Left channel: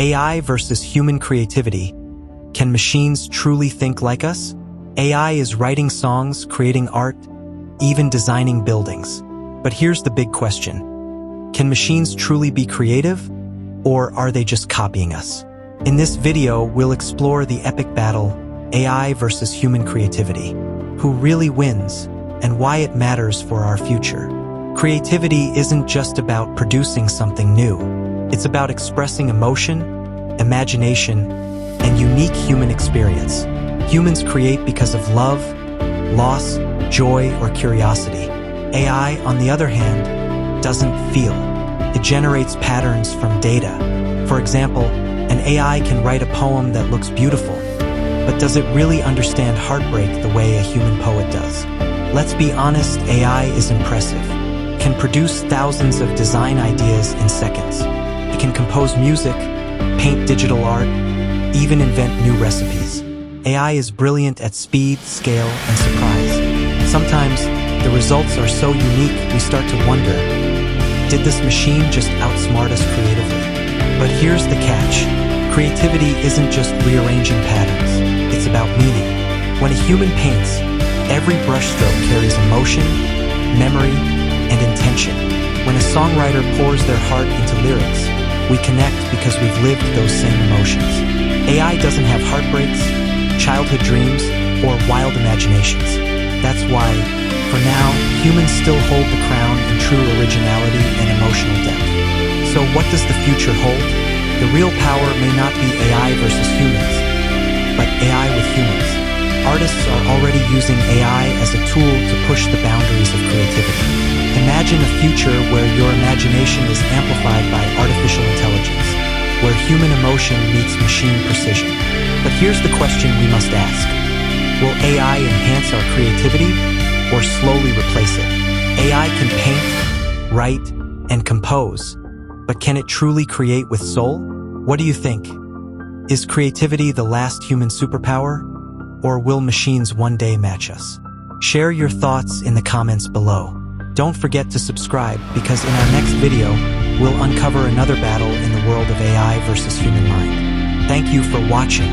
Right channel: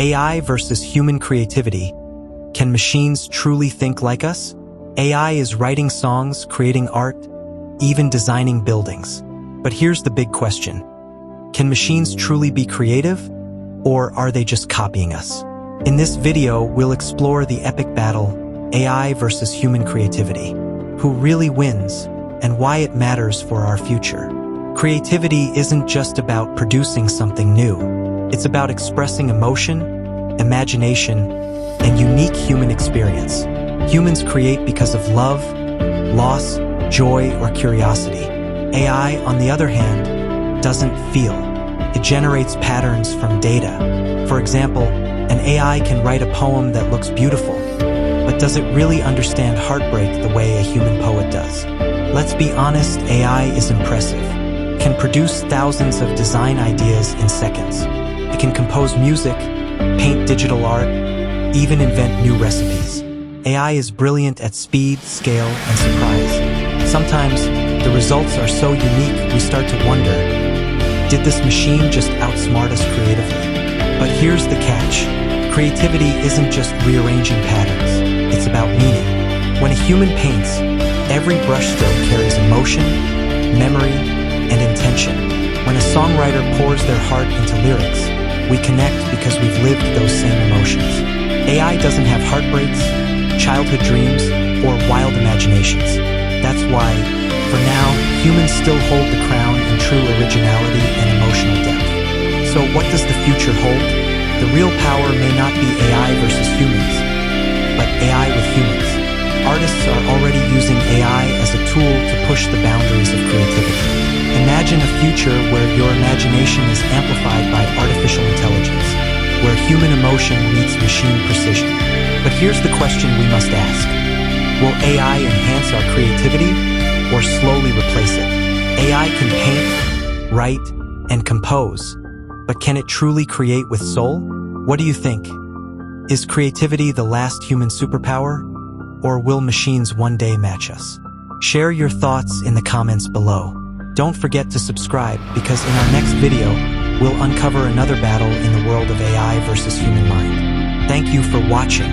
AI versus human creativity. Can machines truly think like us? AI is writing songs, creating art, even designing buildings. But here's the big question. Can machines truly be creative, or are they just copying us? In this video, we'll explore the epic battle, AI versus human creativity. Who really wins, and why it matters for our future. Creativity isn't just about producing something new. It's about expressing emotion, imagination, and unique human experience. Humans create because of love, loss, joy, or curiosity. AI, on the other hand, doesn't feel. It generates patterns from data. For example, an AI can write a poem that looks beautiful, but does it really understand heartbreak the way a human poet does? Let's be honest, AI is impressive. It can produce thousands of design ideas in seconds. It can compose music, paint digital art, even invent new recipes. AI is brilliant at speed, scale, and surprise. Sometimes, the results are so unique we start to wonder, did this machine just outsmart us creatively? But here's the catch. Creativity isn't just rearranging patterns. It's about meaning. When a human paints, every brushstroke carries emotion, memory, and intention. When a songwriter pours their heart into lyrics, we connect because we've lived those same emotions. AI doesn't have heartbreaks, childhood dreams, or wild imaginations. That's why, for now, humans still hold the crown in true originality and emotional depth. So what does the future hold? The real power may not be AI versus humans, but AI with humans. Artists are already using AI as a tool to push the boundaries of creativity. Imagine a future where your imagination is amplified by artificial intelligence, where human emotion meets machine precision. But here's the question we must ask. Will AI enhance our creativity or slowly replace it? AI can paint, write, and compose, but can it truly create with soul? What do you think? Is creativity the last human superpower, or will machines one day match us? Share your thoughts in the comments below. Don't forget to subscribe because in our next video, we'll uncover another battle in the world of AI versus human mind. Thank you for watching.